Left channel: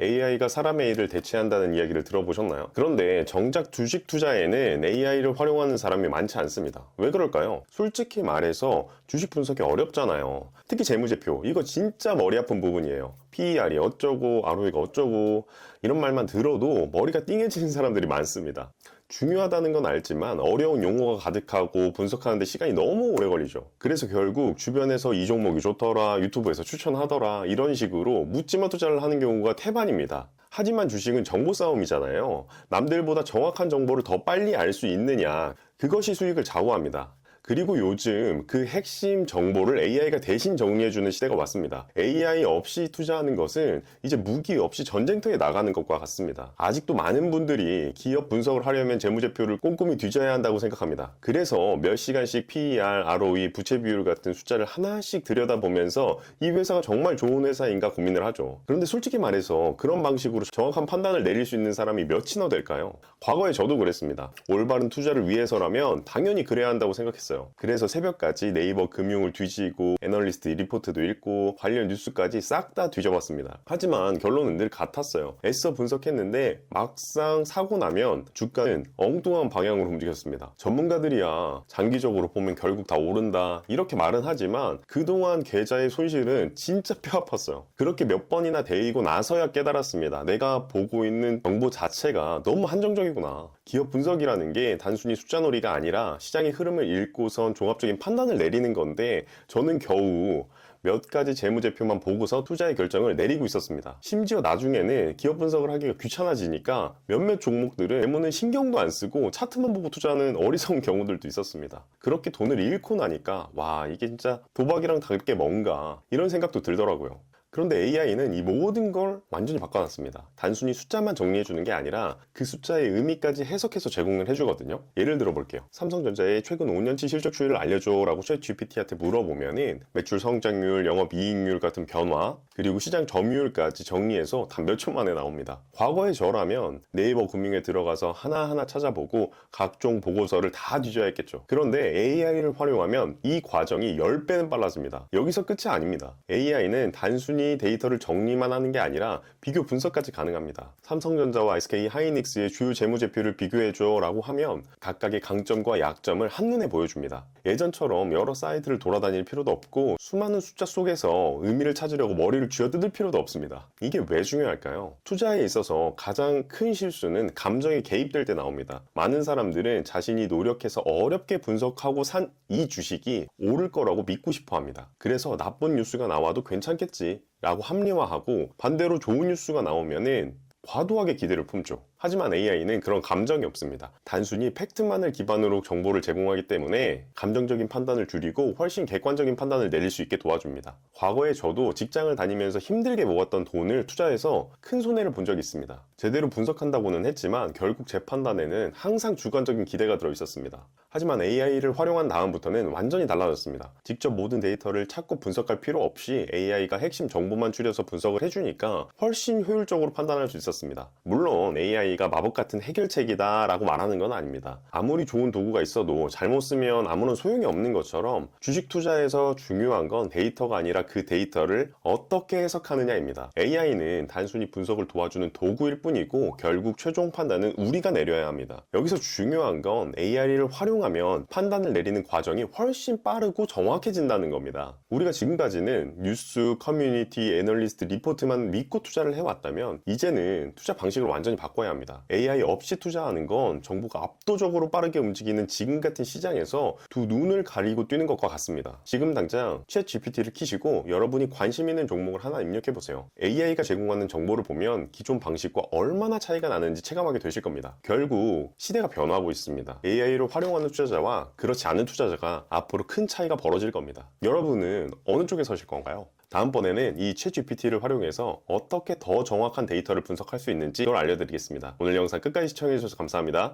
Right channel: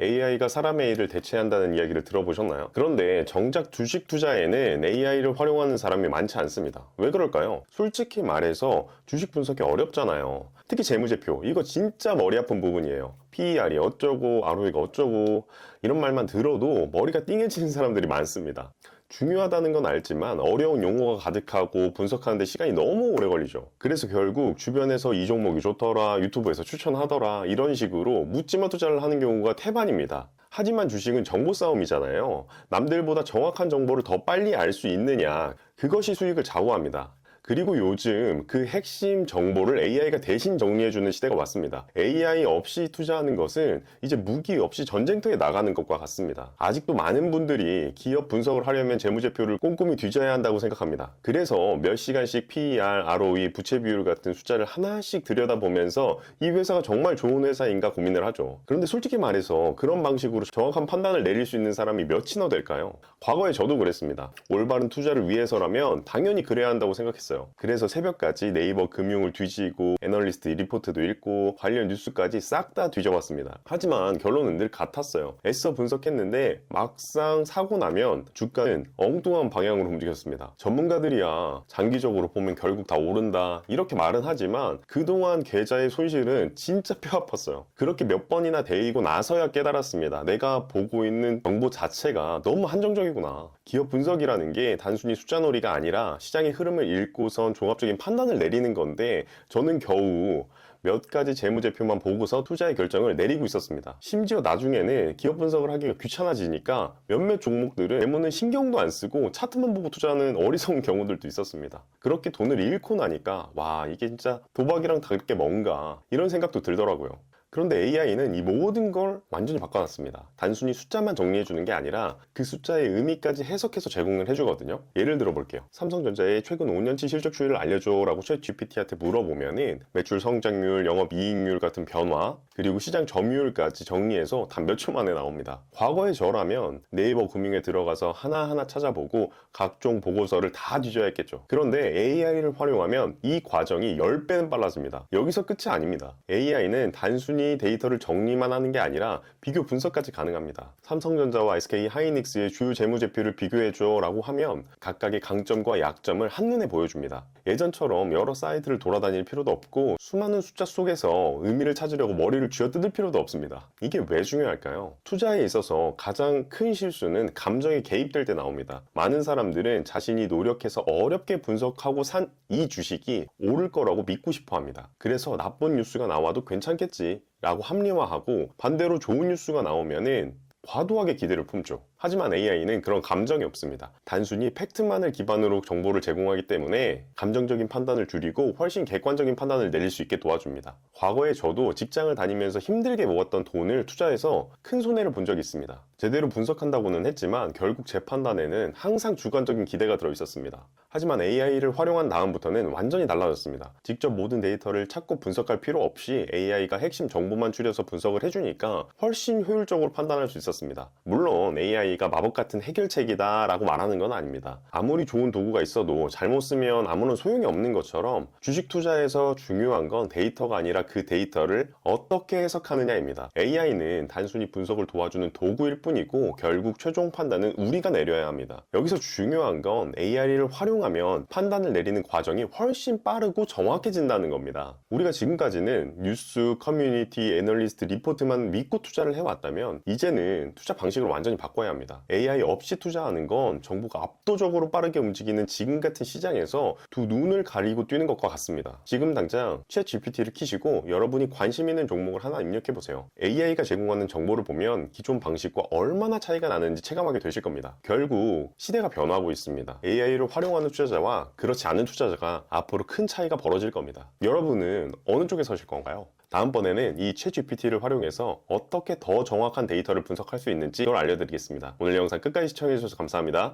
AI가 사람의 일을 대체한다는 이야기를 들어보셨나요? 그런데 정작 주식 투자에는 AI를 활용하는 사람이 많지 않습니다. 왜 그럴까요? 솔직히 말해서 주식 분석이 어렵잖아요. 특히 재무제표, 이거 진짜 머리 아픈 부분이에요. PER이 어쩌고 ROE가 어쩌고 이런 말만 들어도 머리가 띵해지는 사람들이 많습니다. 중요하다는 건 알지만 어려운 용어가 가득하고 분석하는데 시간이 너무 오래 걸리죠. 그래서 결국 주변에서 이 종목이 좋더라, 유튜브에서 추천하더라 이런 식으로 묻지마 투자를 하는 경우가 태반입니다. 하지만 주식은 정보 싸움이잖아요. 남들보다 정확한 정보를 더 빨리 알 수 있느냐, 그것이 수익을 좌우합니다. 그리고 요즘 그 핵심 정보를 AI가 대신 정리해주는 시대가 왔습니다. AI 없이 투자하는 것은 이제 무기 없이 전쟁터에 나가는 것과 같습니다. 아직도 많은 분들이 기업 분석을 하려면 재무제표를 꼼꼼히 뒤져야 한다고 생각합니다. 그래서 몇 시간씩 PER, ROE, 부채 비율 같은 숫자를 하나씩 들여다보면서 이 회사가 정말 좋은 회사인가 고민을 하죠. 그런데 솔직히 말해서 그런 방식으로 정확한 판단을 내릴 수 있는 사람이 몇이나 될까요? 과거에 저도 그랬습니다. 올바른 투자를 위해서라면 당연히 그래야 한다고 생각했어요. 그래서 새벽까지 네이버 금융을 뒤지고 애널리스트 리포트도 읽고 관련 뉴스까지 싹 다 뒤져봤습니다. 하지만 결론은 늘 같았어요. 애써 분석했는데 막상 사고 나면 주가는 엉뚱한 방향으로 움직였습니다. 전문가들이야 장기적으로 보면 결국 다 오른다 이렇게 말은 하지만 그동안 계좌의 손실은 진짜 뼈 아팠어요. 그렇게 몇 번이나 데이고 나서야 깨달았습니다. 내가 보고 있는 정보 자체가 너무 한정적이구나. 기업 분석이라는 게 단순히 숫자놀이가 아니라 시장의 흐름을 읽고선 종합적인 판단을 내리는 건데 저는 겨우 몇 가지 재무제표만 보고서 투자의 결정을 내리고 있었습니다. 심지어 나중에는 기업 분석을 하기가 귀찮아지니까 몇몇 종목들은 재무는 신경도 안 쓰고 차트만 보고 투자하는 어리석은 경우들도 있었습니다. 그렇게 돈을 잃고 나니까 와, 이게 진짜 도박이랑 다를 게 뭔가 이런 생각도 들더라고요. 그런데 AI는 이 모든 걸 완전히 바꿔놨습니다. 단순히 숫자만 정리해주는 게 아니라 그 숫자의 의미까지 해석해서 제공을 해주거든요. 예를 들어 볼게요. 삼성전자의 최근 5년치 실적 추이를 알려줘 라고 챗 GPT한테 물어보면은 매출 성장률, 영업이익률 같은 변화, 그리고 시장 점유율까지 정리해서 단 몇 초 만에 나옵니다. 과거의 저라면 네이버 금융에 들어가서 하나하나 찾아보고 각종 보고서를 다 뒤져야 했겠죠. 그런데 AI를 활용하면 이 과정이 10배는 빨라집니다. 여기서 끝이 아닙니다. AI는 단순히 데이터를 정리만 하는 게 아니라 비교 분석까지 가능합니다. 삼성전자와 SK 하이닉스의 주요 재무제표를 비교해줘 라고 하면 각각의 강점과 약점을 한눈에 보여줍니다. 예전처럼 여러 사이트를 돌아다닐 필요도 없고 수많은 숫자 속에서 의미를 찾으려고 머리를 쥐어뜯을 필요도 없습니다. 이게 왜 중요할까요? 투자에 있어서 가장 큰 실수는 감정이 개입될 때 나옵니다. 많은 사람들은 자신이 노력해서 어렵게 분석하고 산 이 주식이 오를 거라고 믿고 싶어 합니다. 그래서 나쁜 뉴스가 나와도 괜찮겠지 라고 합리화하고 반대로 좋은 뉴스가 나오면은 과도하게 기대를 품죠. 하지만 AI는 그런 감정이 없습니다. 단순히 팩트만을 기반으로 정보를 제공하기 때문에 감정적인 판단을 줄이고 훨씬 객관적인 판단을 내릴 수 있게 도와줍니다. 과거에 저도 직장을 다니면서 힘들게 모았던 돈을 투자해서 큰 손해를 본 적이 있습니다. 제대로 분석한다고는 했지만 결국 제 판단에는 항상 주관적인 기대가 들어 있었습니다. 하지만 AI를 활용한 다음부터는 완전히 달라졌습니다. 직접 모든 데이터를 찾고 분석할 필요 없이 AI가 핵심 정보만 추려서 분석을 해주니까 훨씬 효율적으로 판단할 수 있었습니다. 물론 AI가 마법 같은 해결책이다 라고 말하는 건 아닙니다. 아무리 좋은 도구가 있어도 잘못 쓰면 아무런 소용이 없는 것처럼 주식 투자에서 중요한 건 데이터가 아니라 그 데이터를 어떻게 해석하느냐입니다. AI는 단순히 분석을 도와주는 도구일 뿐이고 결국 최종 판단은 우리가 내려야 합니다. 여기서 중요한 건 AI를 활용하면 판단을 내리는 과정이 훨씬 빠르고 정확해진다는 겁니다. 우리가 지금까지는 뉴스, 커뮤니티, 애널리스트, 리포트만 믿고 투자를 해왔다면 이제는 투자 방식을 완전히 바꿔야 합니다. AI 없이 투자하는 건 정보가 압도적으로 빠르게 움직이는 지금 같은 시장에서 두 눈을 가리고 뛰는 것과 같습니다. 지금 당장 챗 GPT를 키시고 여러분이 관심 있는 종목을 하나 입력해보세요. AI가 제공하는 정보를 보면 기존 방식과 얼마나 차이가 나는지 체감하게 되실 겁니다. 결국 시대가 변하고 있습니다. AI를 활용하는 투자자와 그렇지 않은 투자자가 앞으로 큰 차이가 벌어질 겁니다. 여러분은 어느 쪽에 서실 건가요? 다음번에는 이 챗 GPT를 활용해서 어떻게 더 정확한 데이터를 분석할 수 있는지 그걸 알려드리겠습니다. 오늘 영상 끝까지 시청해주셔서 감사합니다.